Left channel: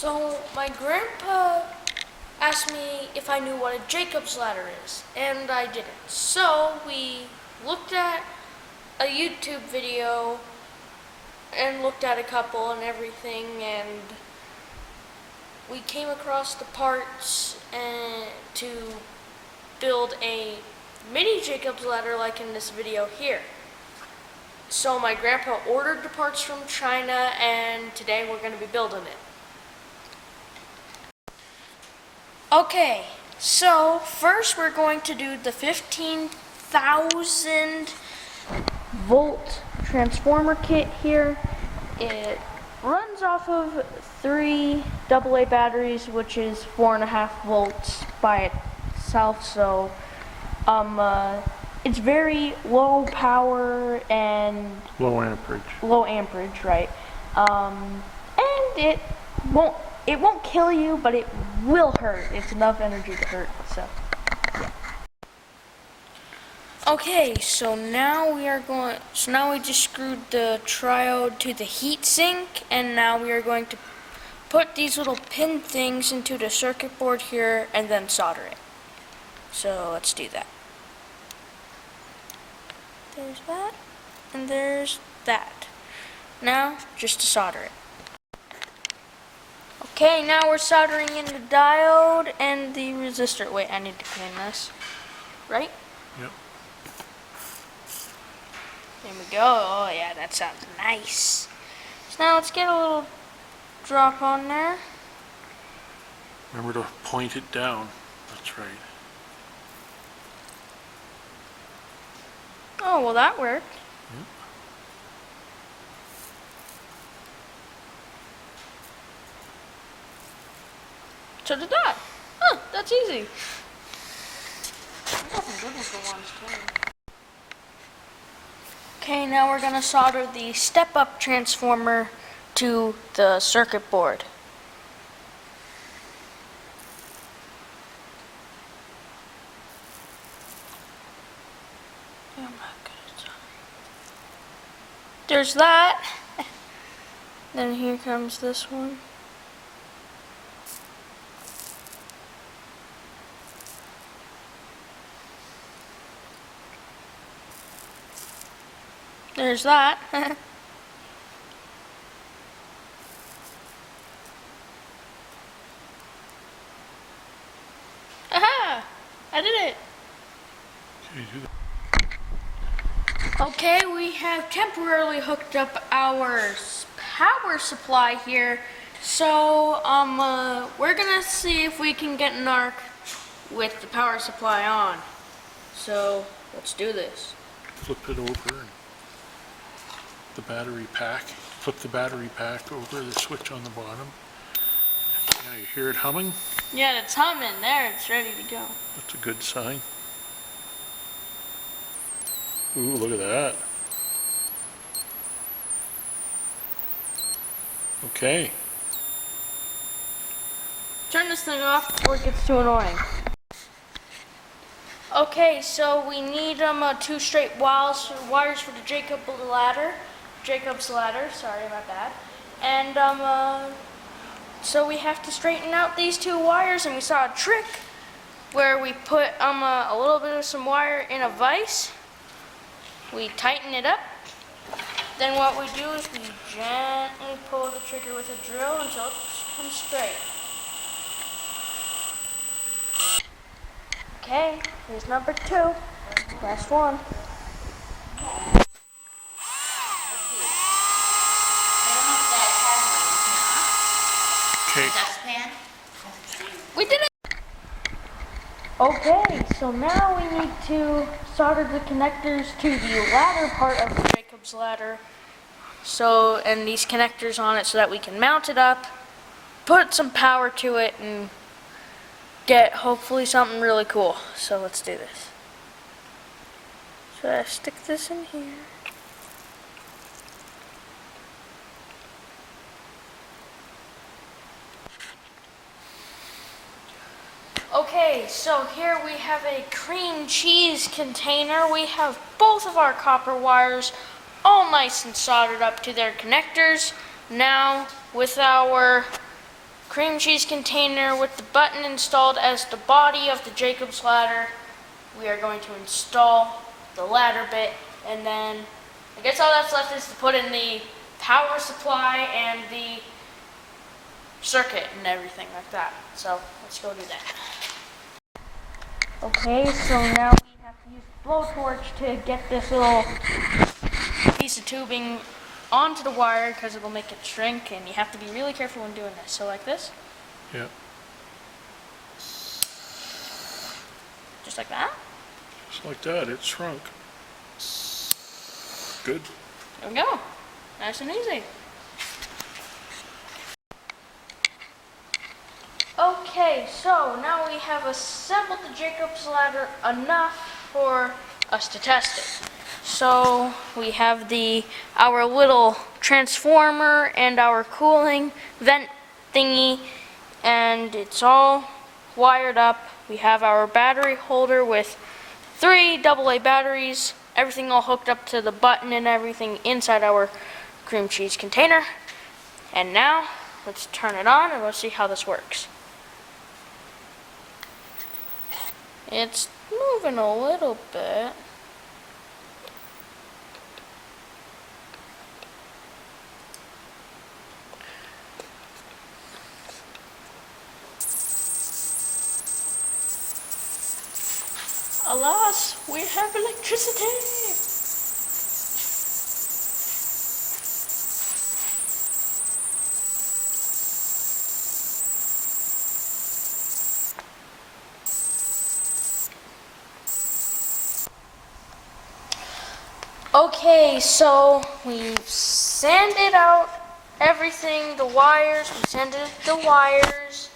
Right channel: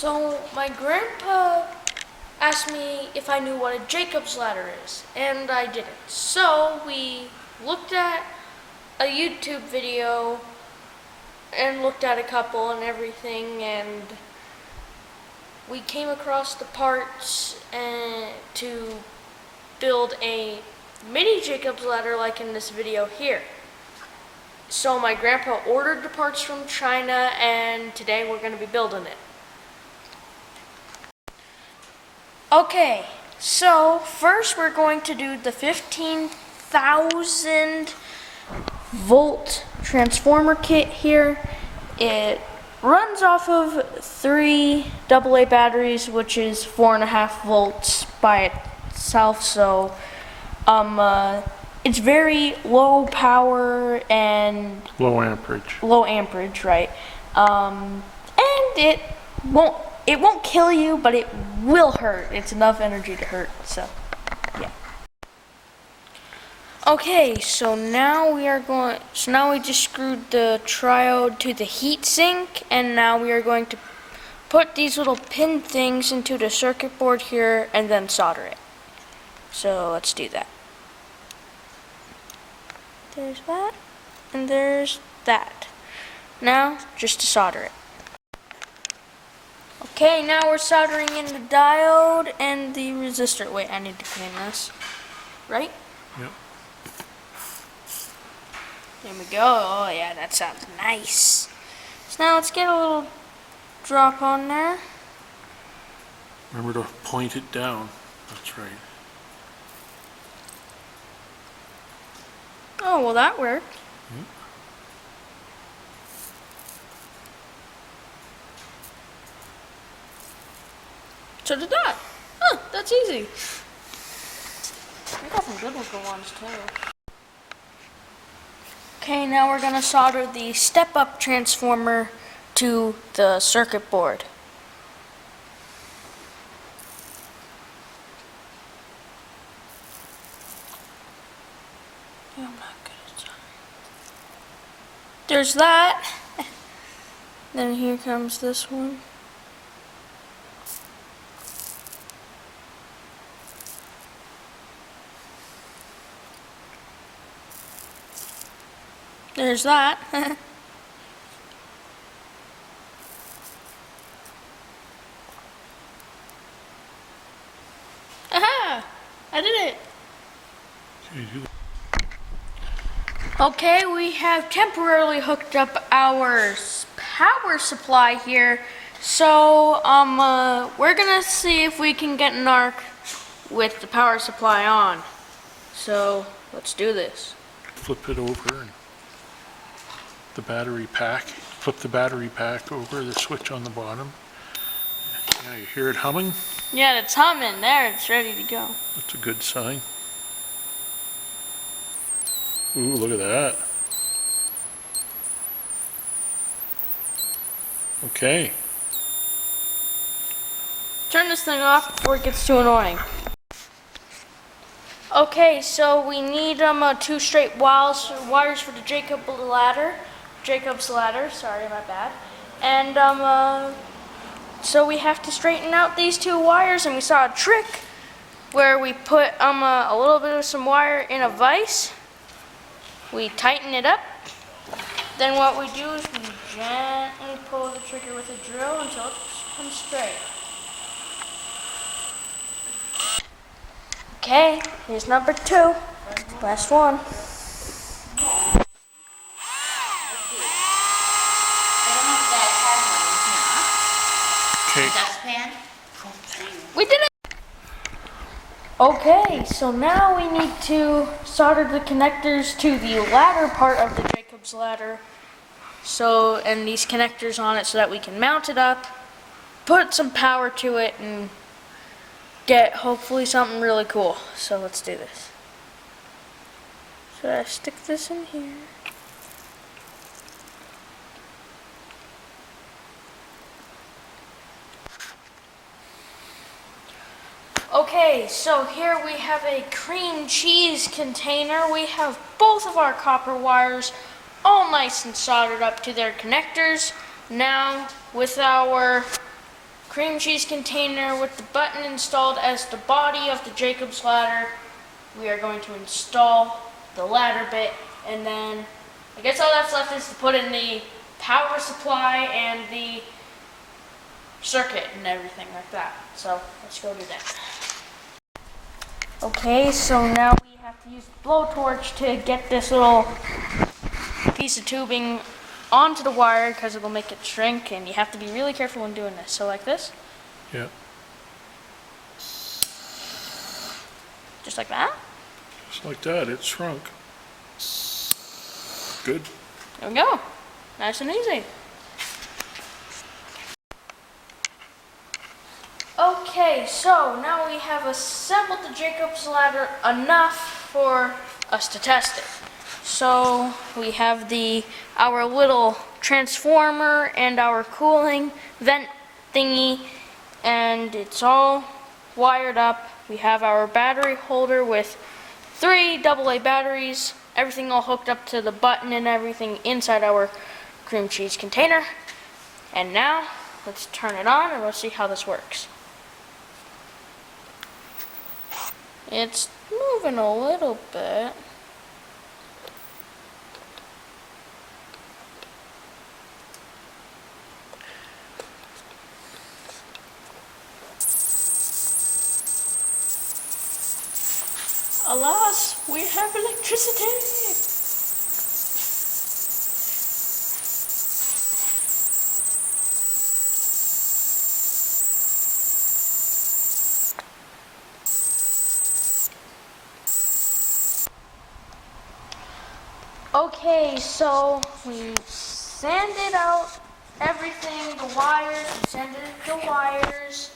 So my grandpa asked me if I knew what a Jacob's ladder is, and I didn't. So we looked at a YouTube video and looked at a couple and everything, and we came across the parts to build a mini Jacob's ladder like in this video here. So my grandpa ordered the parts from China, and today we're going to be building it. Okay, so first we're going to do the 15,000 volt transformer kit here. It runs off of 3 AA batteries, which is 4.5 volts by itself, so it's very low power and low amperage. Low amperage, right? And it won't kill you, but it will hurt. It's enough energy to hurt, so yeah. Okay, so now we just screwed the triode to the heat sink, and now we are going to put these little pin things into the circuit board here and then solder it. So let's do that. There's that, and there's that. Now, just to solder it. Okay, now we're soldering in the diode and the resistor. Wait, I need to clean this. Right? Yep. There we go. Oh yeah, that sounds nice. So now let's get a little drop on there. Remember to point it down. That's right. Oh, well that worked. Yep. So did that. Huh, that's easy. I got some good looking ones too. Okay, now we're gonna solder the step-up transformer to the circuit board. I'm not good at soldering. There's that. Then here comes this one. There's that. Aha! I did it. Okay, do that. Okay, we have temporarily hooked up our power supply here. So, we're gonna see if we can get an arc with the power supply on. So, let's do this. Flip it over and the battery pack. Flip the battery pack over the switch on the bottom. Now you hear it humming. Yeah, it's humming. There, it's ready to go. That's a good sign. Ooh, look at that. Okay. Turn this thing off before it gets too annoying. Okay, so we need 2 straight wires for the Jacob's ladder, sorry, my bad. And so we have to straighten out these 2 wires, and we saw a trick where we put a little bit of some wire in a vise. We tighten it up. Then what we do is we gently pull the trigger with a drill until it comes straight. Okay, here's number 2. Last one. Okay. We did it! Okay, so now we need to solder the connectors to the ladder part of the Jacob's ladder. So, and these connectors on it so that we can mount it up, put some power to it, and get hopefully something really cool. So let's do this. So I stick this in here. Okay, so here we have a cream cheese container. We have both of our copper wires all nice and soldered up to their connectors. Now, with our cream cheese container with the button installed as the body of the Jacob's ladder. We are going to install the ladder bit, and then I guess all that's left is to put in the power supply and the circuit and everything like that. So let's go do that. Okay, so now we have to use the blowtorch to get this little piece of tubing onto the wire because it'll make it shrink, and you have to be really careful when doing this. So like this, Yeah, just like that. just like that, it shrunk. Good. There we go. Nice and easy. Okay, so now we have assembled the Jacob's ladder enough for us to test it. So we have our little transformer and our cooling vent thingy, and it's all wired up. We have our battery holder with 3 AA batteries, everything all hooked up to the button and everything inside our cream cheese container. And now let's turn it on and let's see how this works. It's moving a little bit. Alas, we have electricity! Okay, so we've sanded out everything, the wires, we sanded the wires,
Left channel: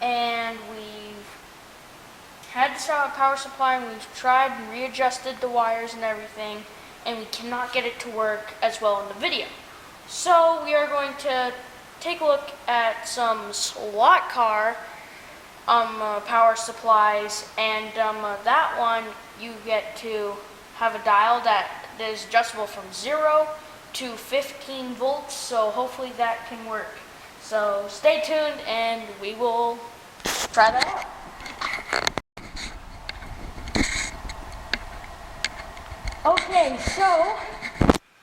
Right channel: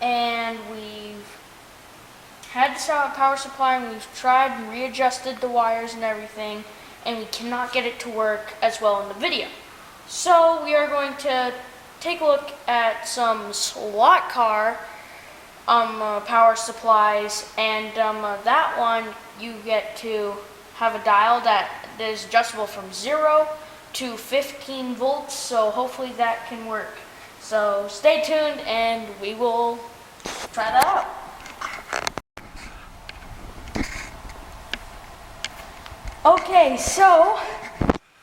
and we've had to start a power supply, and we've tried and readjusted the wires and everything, and we cannot get it to work as well in the video. So we are going to take a look at some slot car power supplies, and that one you get to have a dial that is adjustable from 0 to 15 volts, so hopefully that can work. So stay tuned and we will try that out. Okay, so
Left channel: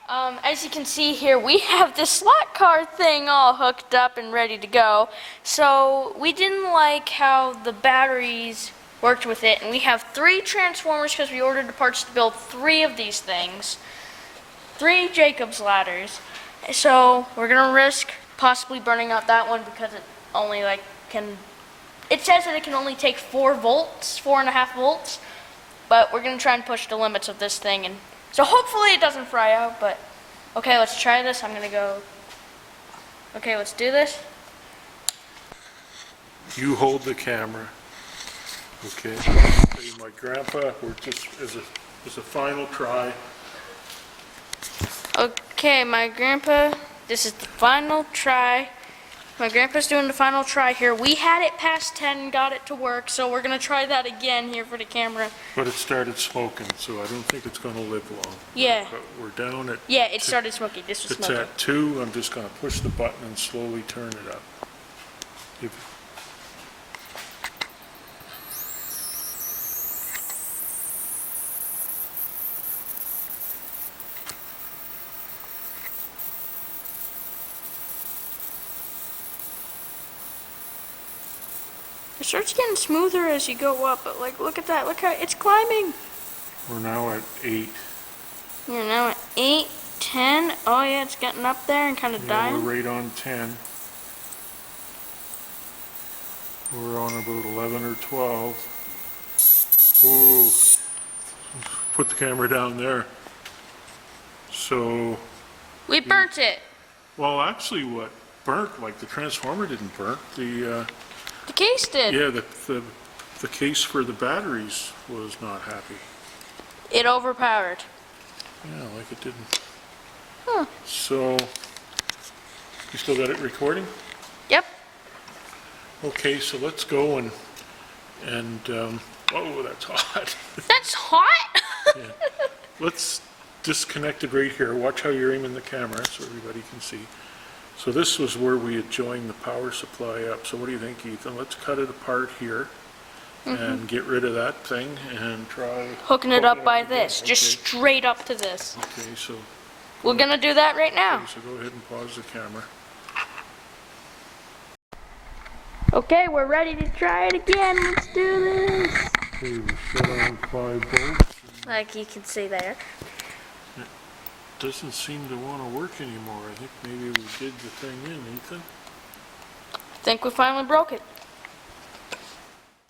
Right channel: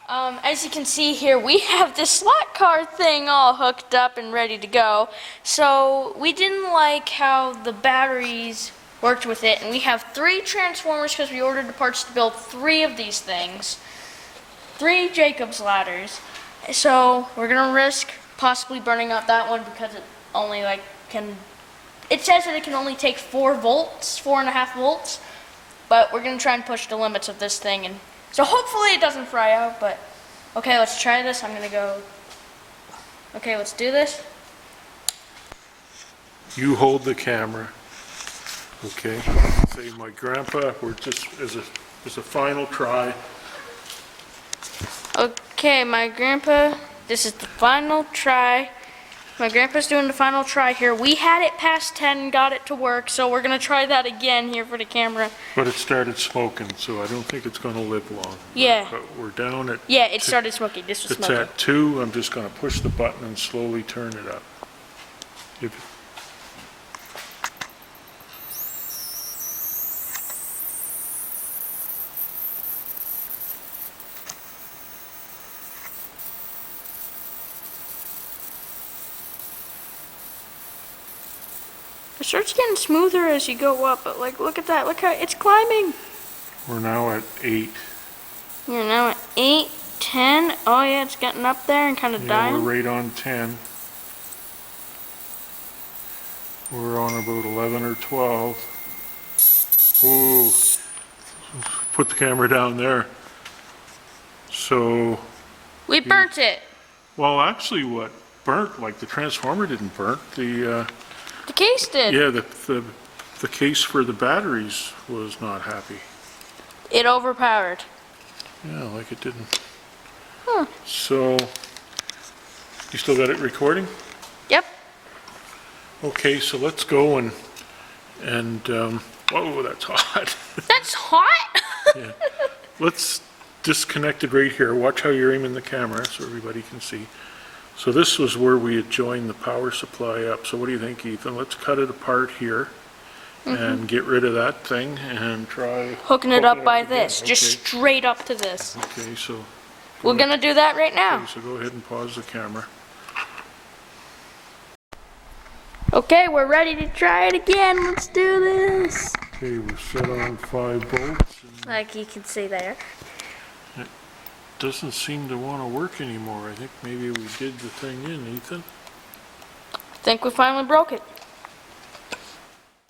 as you can see here, we have this slot car thing all hooked up and ready to go. So we didn't like how the batteries worked with it, and we have 3 transformers because we ordered the parts to build 3 of these things, 3 Jacob's ladders. So we're gonna risk possibly burning out that one because it only it says that it can only take 4 volts, 4.5 volts. But we're gonna try and push the limits of this thing, and so hopefully it doesn't fry out. But okay, let's try this. I'm gonna go. Okay, let's do this. You hold the camera. Okay. Say my grandpa, we're just as a final try. Okay, my grandpa. This is the final try. My grandpa's doing the final try here. We had it past 10 and got it to work, so we're gonna try that again here for the camera. But it started smoking, so I don't think it's gonna live long. Yeah. But we're down at. Yeah, it started smoking. This was It's smoking. at 2. I'm just gonna push the button and slowly turn it up. It starts getting smoother as you go up, but look at that. Look how it's climbing. We're now at 8. We're now at 8, 10. Oh yeah, it's getting up there and kind of Yeah, dying. we're right on 10. We're on about 11 or 12. Ooh, put the camera down there. So, We burnt it. well, actually what burnt, like the transformer didn't burn. The case did. Yeah, the case for the batteries was not happy. It overpowered. Yeah, like it didn't. Huh. So, you still got it recording? Yep. Okay, so let's go and whoa, that's hot. That's hot? Yeah. Let's disconnect it right here. Watch how you're aiming the camera so everybody can see. So this was where we had joined the power supply up. So what do you think, Ethan? Let's cut it apart here and get rid of that thing and try Hooking it up by again. this, just straight up to this. Okay, so. We're gonna do that right now. Okay, so go ahead and pause the camera. Okay, we're ready to try it again. Let's do this. Okay, we're set on 5 bolts and Like you can see there. doesn't seem to want to work anymore. I think maybe we did the thing in, Ethan. I think we finally broke it.